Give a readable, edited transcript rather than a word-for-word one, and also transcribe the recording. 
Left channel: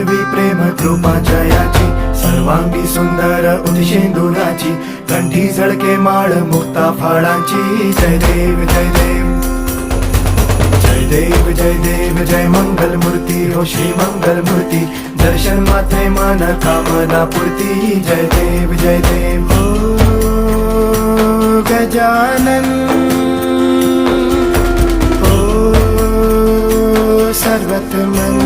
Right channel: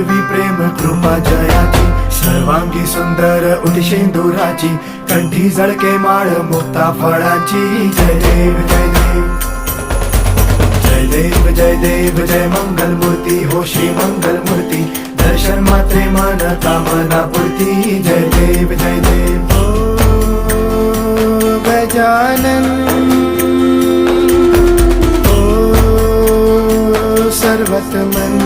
पूर्वी प्रेम कृपा जयाची, सर्वांगी सुंदर उदिशेंदुराची, कंठी झळके माळ मुक्ता फळाची. जय देव जय देव जय देव जय देव जय मंगल मूर्ती हो श्री मंगल मूर्ती, दर्शन मात्रे मन कामना पूर्ती. जय देव हो गजानन हो सर्वतमन.